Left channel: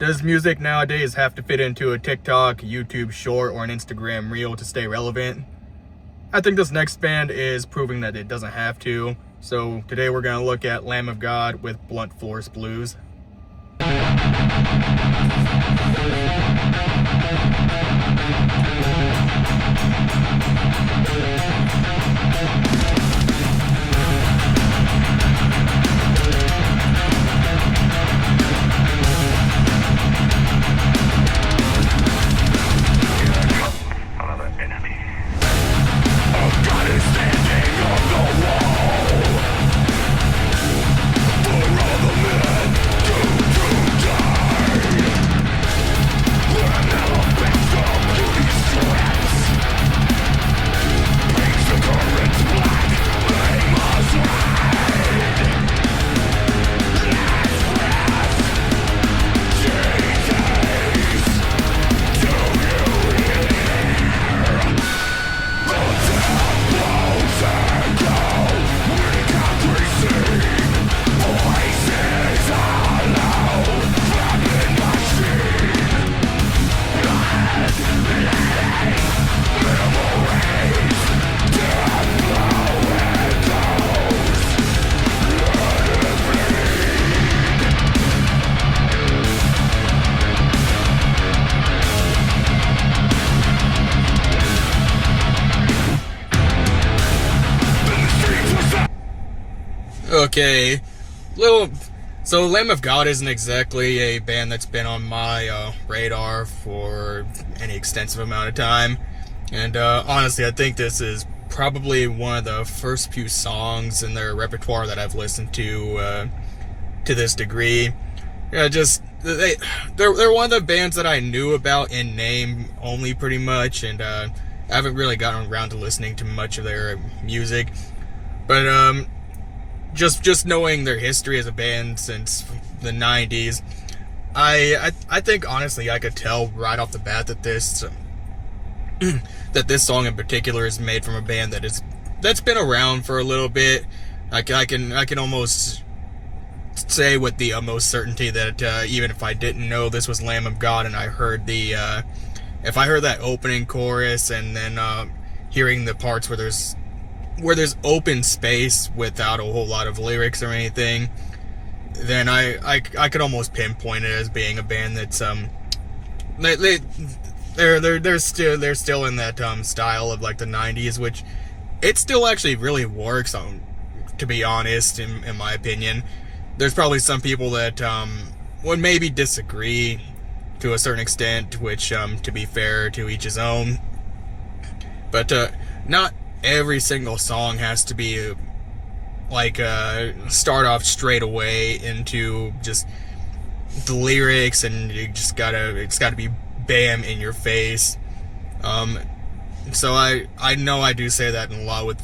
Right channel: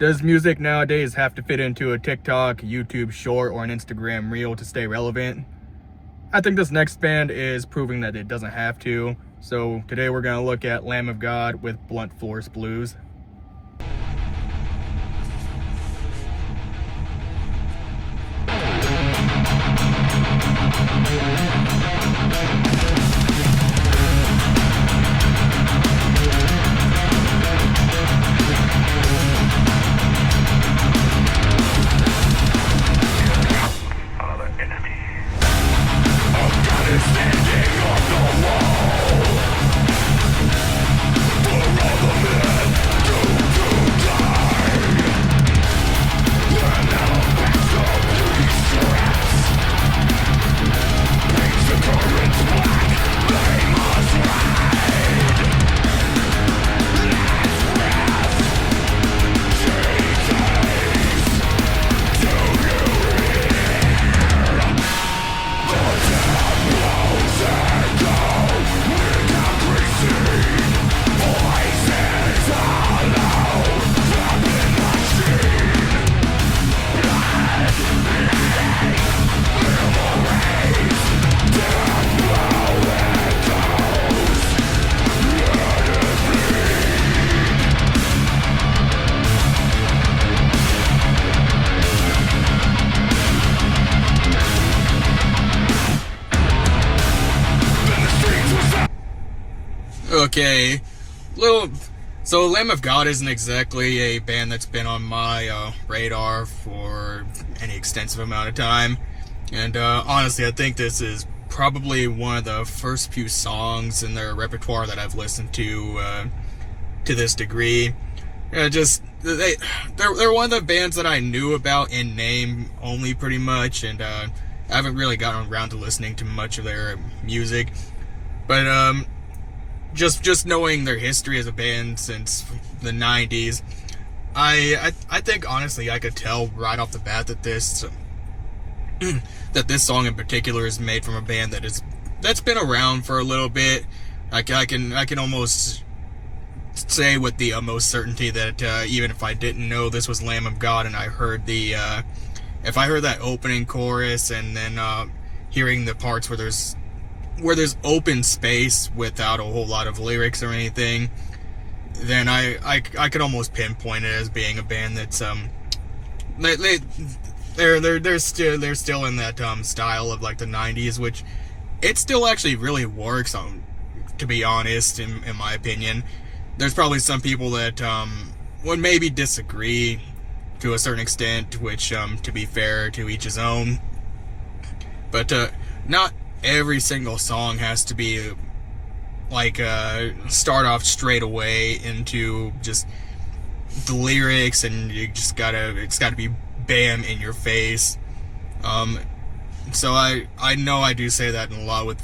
Does music nowadays have to fit into a TikTok, YouTube short, or an Instagram reel to stay relevant? I think this next band is proving that it doesn't have to. So today we're going to look at Lamb of God with Blunt Force Blues. Okay, so Lamb of God isn't exactly a band that's been on my radar for any extensive amount of time, and honestly, I think this is probably one of the first few songs in their repertoire that I've listened to this degree. They're one of the bands that I knew about in name only, pretty much, and I haven't really gotten around to listening to much of their music, but just knowing their history as a band since the 90s, I think honestly I could tell right off the bat that this song in particular is made from a band that's been around for a little bit. I can almost say with the utmost certainty that even if I didn't know this was Lamb of God and I heard if I heard that opening chorus and then hearing the parts where there's open space without a whole lot of lyrics or anything, then I could almost pinpoint it as being a band that's they're still in that style of like the 90s, which it still actually really works on, to be honest, in my opinion. There's probably some people that would maybe disagree to a certain extent, which to be fair, to each his own, but not every single song has to be like start off straight away into just the lyrics, and it's gotta be bam in your face. So I know I do say that in a lot with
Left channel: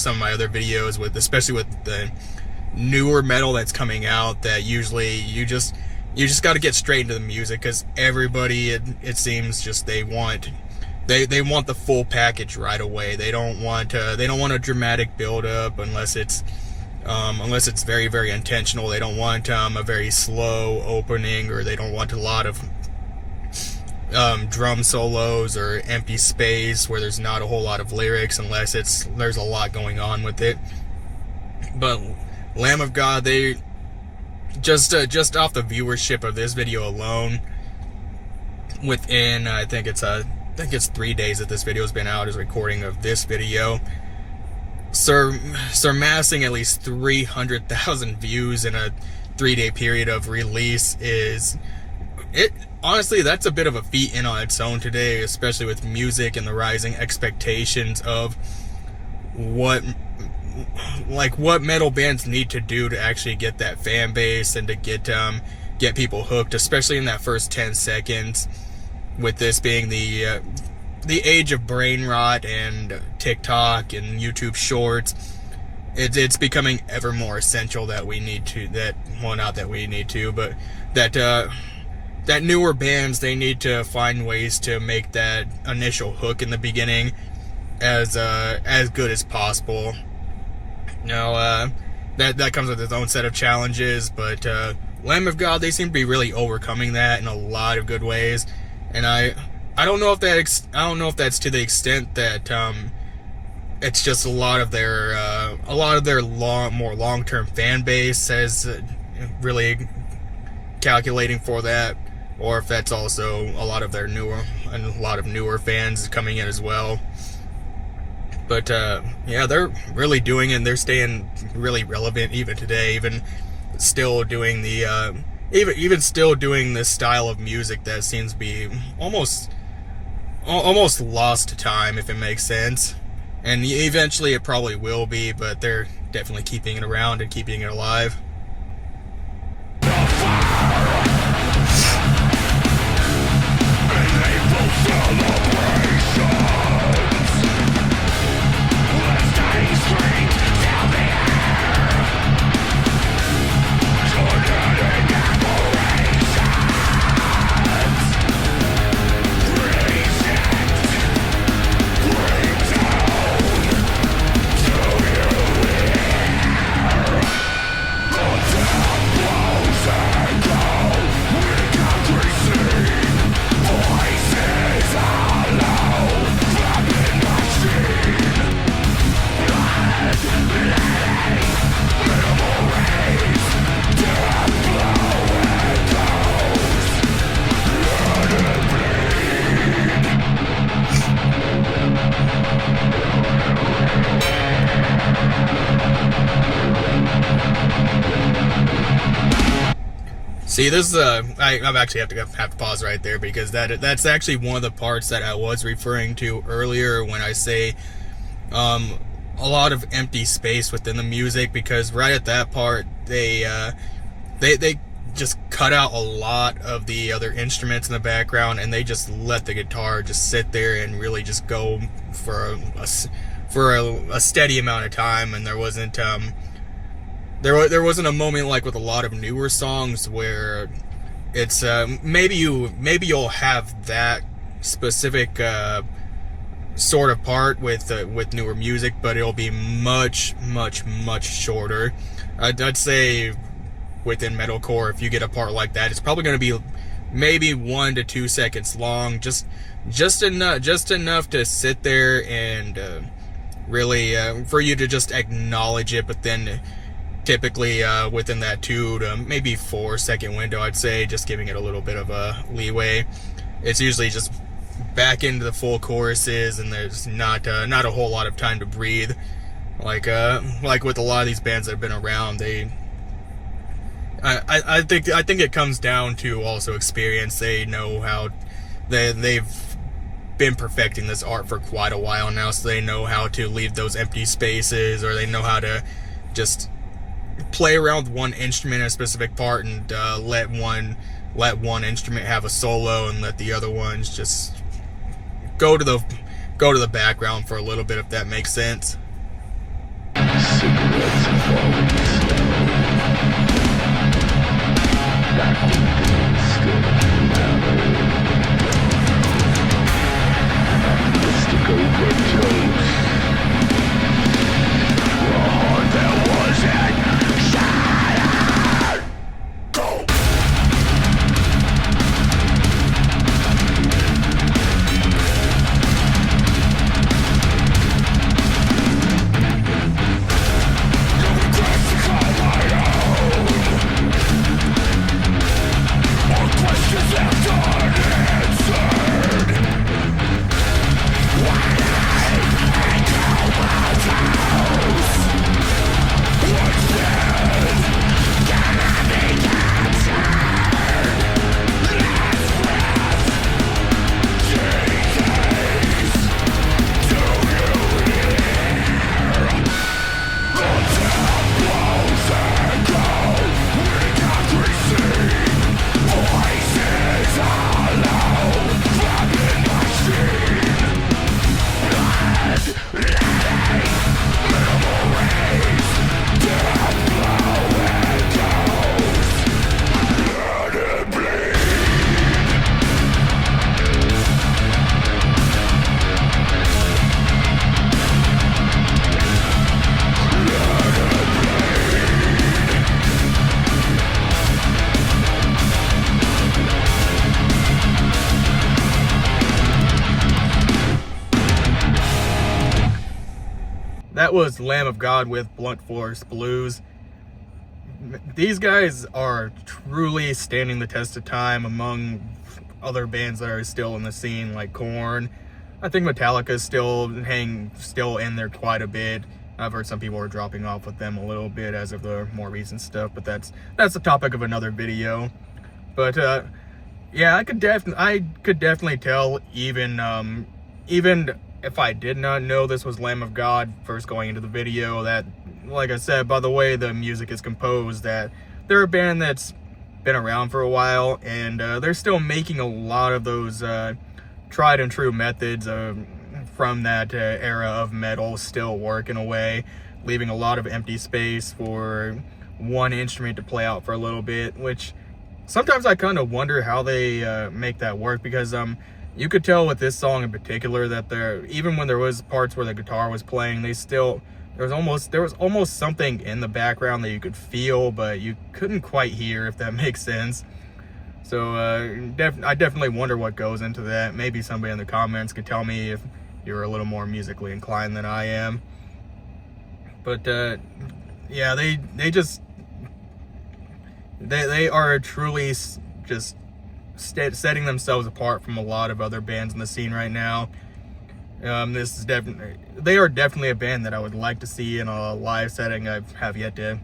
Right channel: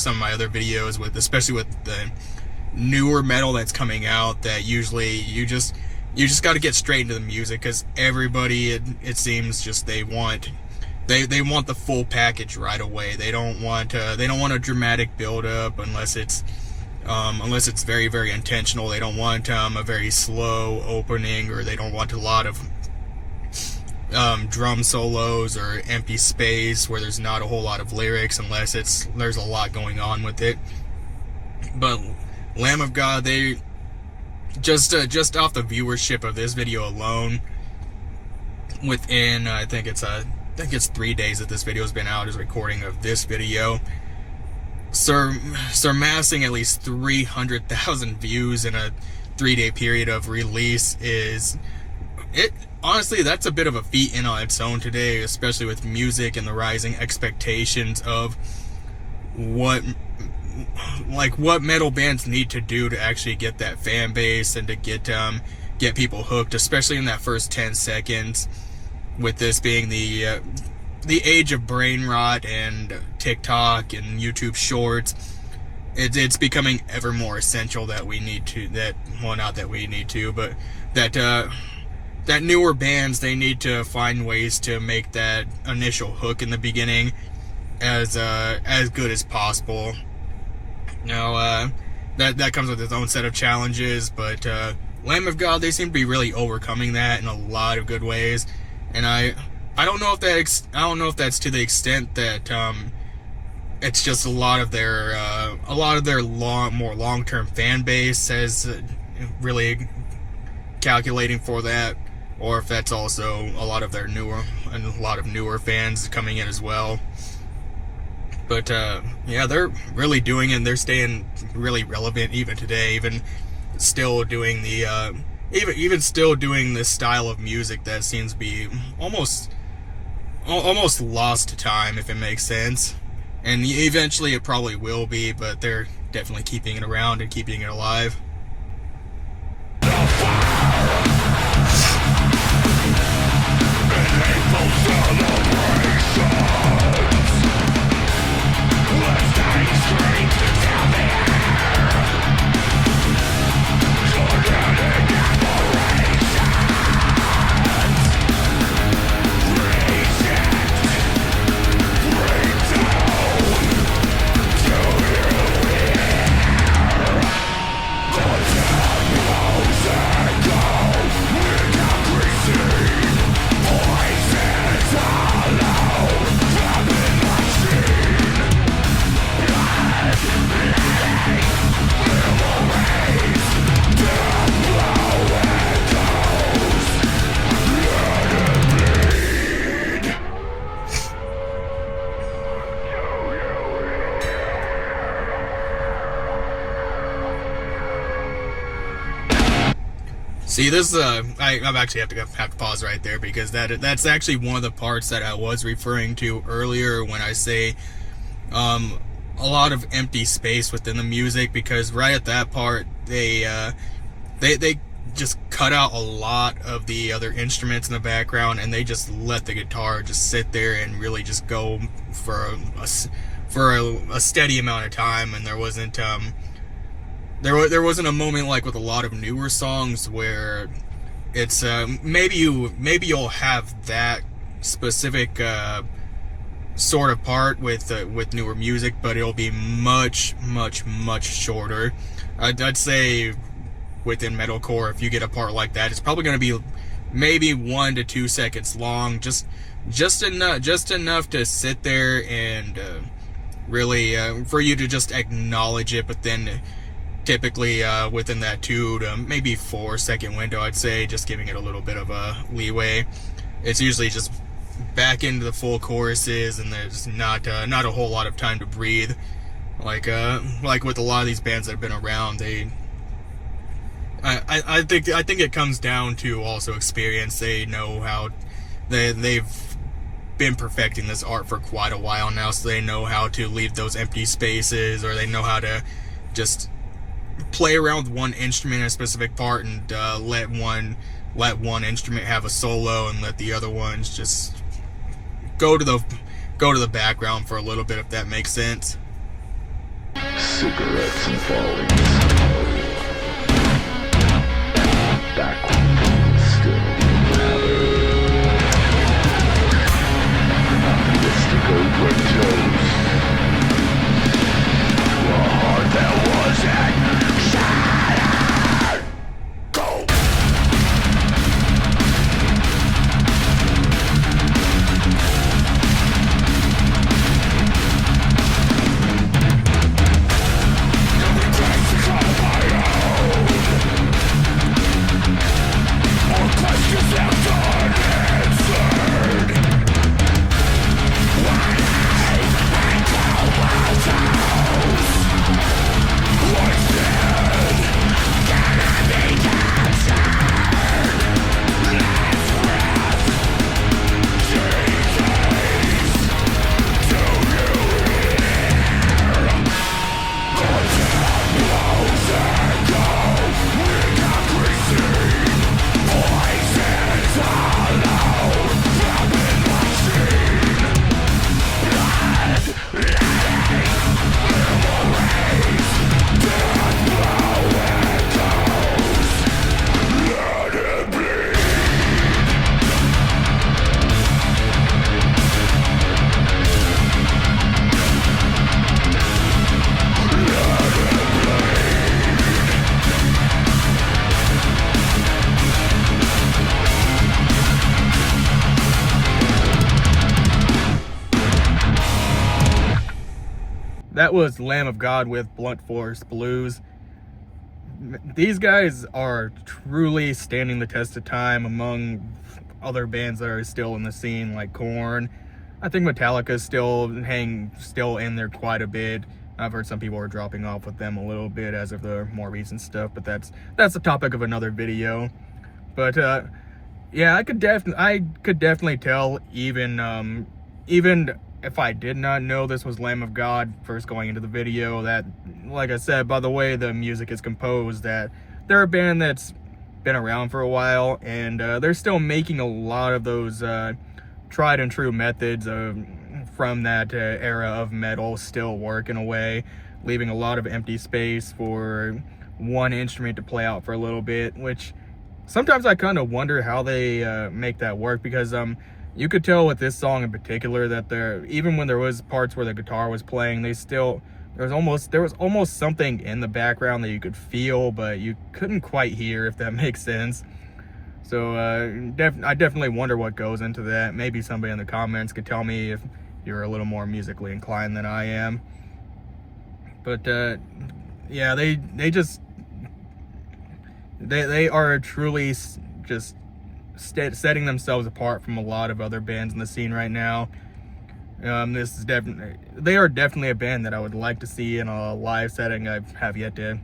some of my other videos, especially with the newer metal that's coming out, that usually you just got to get straight into the music, because everybody it seems just they want the full package right away. They don't want a dramatic build up unless it's very, very intentional. They don't want a very slow opening, or they don't want a lot of drum solos or empty space where there's not a whole lot of lyrics, unless there's a lot going on with it. But Lamb of God, they just off the viewership of this video alone, within I think it's 3 days that this video has been out as recording of this video, surpassing at least 300,000 views in a 3-day period of release honestly, that's a bit of a feat in on its own today, especially with music and the rising expectations of what metal bands need to do to actually get that fan base and to get people hooked, especially in that first 10 seconds. With this being the age of brain rot and TikTok and YouTube Shorts, it's becoming ever more essential that newer bands, they need to find ways to make that initial hook in the beginning as good as possible. Now, that comes with its own set of challenges, but Lamb of God, they seem to be really overcoming that in a lot of good ways, and I don't know if I don't know if that's to the extent that it's just a lot of their more long-term fan base says really calculating for that, or if that's also a lot of newer fans coming in as well. But yeah, they're really doing it, and they're staying really relevant even today, even still doing the even still doing this style of music that seems to be almost lost to time, if it makes sense. And eventually it probably will be, but they're definitely keeping it around and keeping it alive. The fire and hateful celebrations, lifting screams down the air, tormenting aberrations, reject, bring down, do you hear? The death blows echo with concrete scene, voices hollow, flapping machine, blood, letting, minimal rays, death blow echoes, let it bleed. See, this I'm actually have to pause right there, because that's actually one of the parts that I was referring to earlier when I say a lot of empty space within the music, because right at that part they just cut out a lot of the other instruments in the background, and they just let the guitar just sit there and really just go for a steady amount of time. And there wasn't there wasn't a moment like with a lot of newer songs where it's maybe you'll have that specific sort of part with newer music, but it'll be much shorter. I'd say within metalcore, if you get a part like that, it's probably going to be maybe 1 to 2 seconds long, just enough to sit there and really for you to just acknowledge it. But then typically within that 2 to maybe 4 second window, I'd say, just giving it a little bit of a leeway, it's usually just back into the full choruses, and there's not a whole lot of time to breathe, like with a lot of these bands that have been around. I think it comes down to also experience. They know how they've been perfecting this art for quite a while now, so they know how to leave those empty spaces, or they know how to just play around with one instrument in a specific part, and let one instrument have a solo, and let the other ones just go to the background for a little bit, if that makes sense. Cigarettes and falling snow, back when things still matter, an optimistic overdose, a heart that wasn't shattered. Go! No regrets to call my own, or questions left unanswered. Wide-eyed and comatose. What said? Can I be captured? Last breath decays. Do you hear? The death blows echo with concrete scene. Voices hollow, flapping machine. Blood letting, minimal rays, death that was Lamb of God with Blunt Force Blues. These guys are truly standing the test of time among other bands that are still in the scene, like Korn. I think Metallica's still in there quite a bit. I've heard some people are dropping off with them a little bit as of the more recent stuff, but that's the topic of another video. But yeah, I could definitely tell, even if I did not know this was Lamb of God first going into the video, that, like I said, by the way the music is composed, that they're a band that's been around for a while, and they're still making a lot of those tried and true methods from that era of metal still work in a way, leaving a lot of empty space for one instrument to play out for a little bit, which sometimes I kind of wonder how they make that work, because you could tell with this song in particular that even when there was parts where the guitar was playing, there was almost something in the background that you could feel, but you couldn't quite hear, if that makes sense. So I definitely wonder what goes into that. Maybe somebody in the comments could tell me if you're a little more musically inclined than I am. But yeah, they are truly just setting themselves apart from a lot of other bands in the scene right now. They are definitely a band that I would like to see in a live setting. I have yet to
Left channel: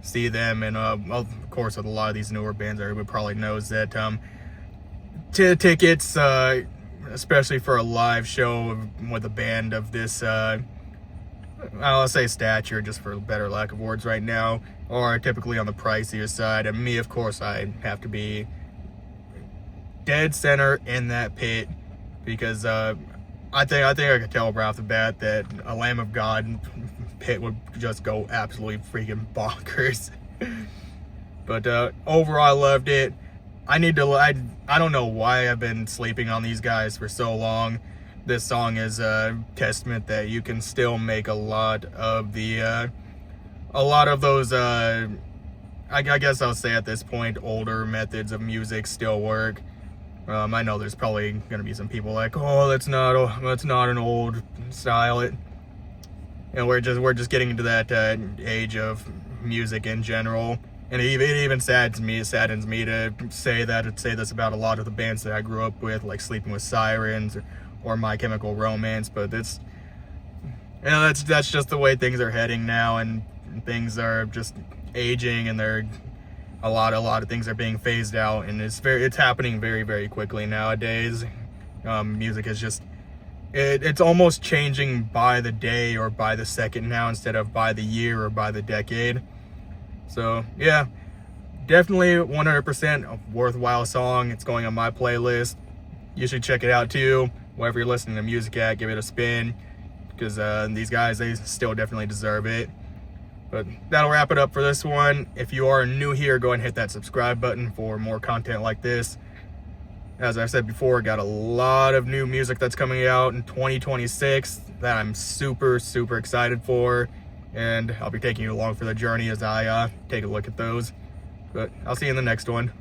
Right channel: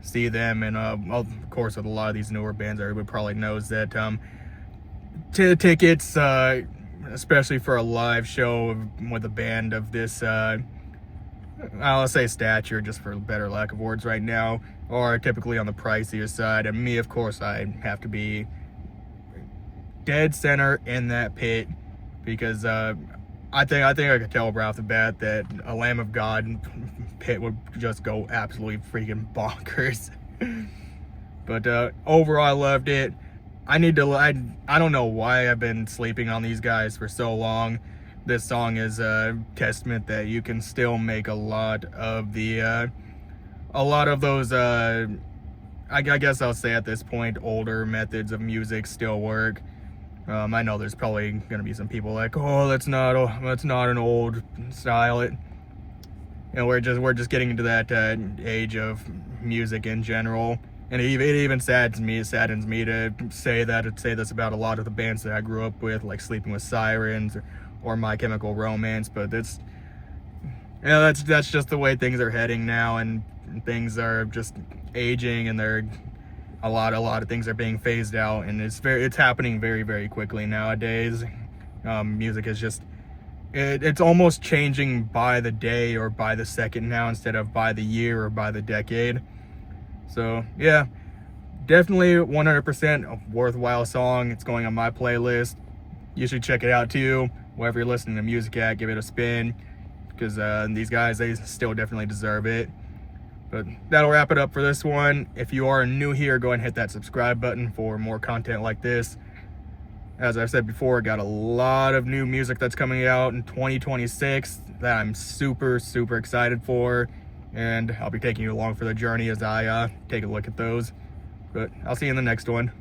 see them, and well, of course, with a lot of these newer bands, everybody probably knows that tickets, especially for a live show with a band of this, I'll say stature, just for better lack of words right now, are typically on the pricier side. And me, of course, I have to be dead center in that pit, because I think I could tell right off the bat that a Lamb of God pit would just go absolutely freaking bonkers. But overall, I loved it. I don't know why I've been sleeping on these guys for so long. This song is a testament that you can still make a lot of those I guess I'll say at this point older methods of music still work. I know there's probably gonna be some people like, oh, that's not an old style. We're just getting into that age of music in general, and it even saddens me to say this about a lot of the bands that I grew up with, like Sleeping with Sirens or My Chemical Romance. But it's, that's just the way things are heading now, and things are just aging, and a lot of things are being phased out, and it's happening very, very quickly nowadays. Music is just, it's almost changing by the day or by the second now, instead of by the year or by the decade. So yeah, definitely 100% a worthwhile song. It's going on my playlist. You should check it out too, wherever you're listening to music at. Give it a spin, because these guys, they still definitely deserve it. But that'll wrap it up for this one. If you are new here, go ahead and hit that subscribe button for more content like this. As I've said before, got a lot of new music that's coming out in 2026 that I'm super, super excited for. And I'll be taking you along for the journey as I take a look at those. But I'll see you in the next one.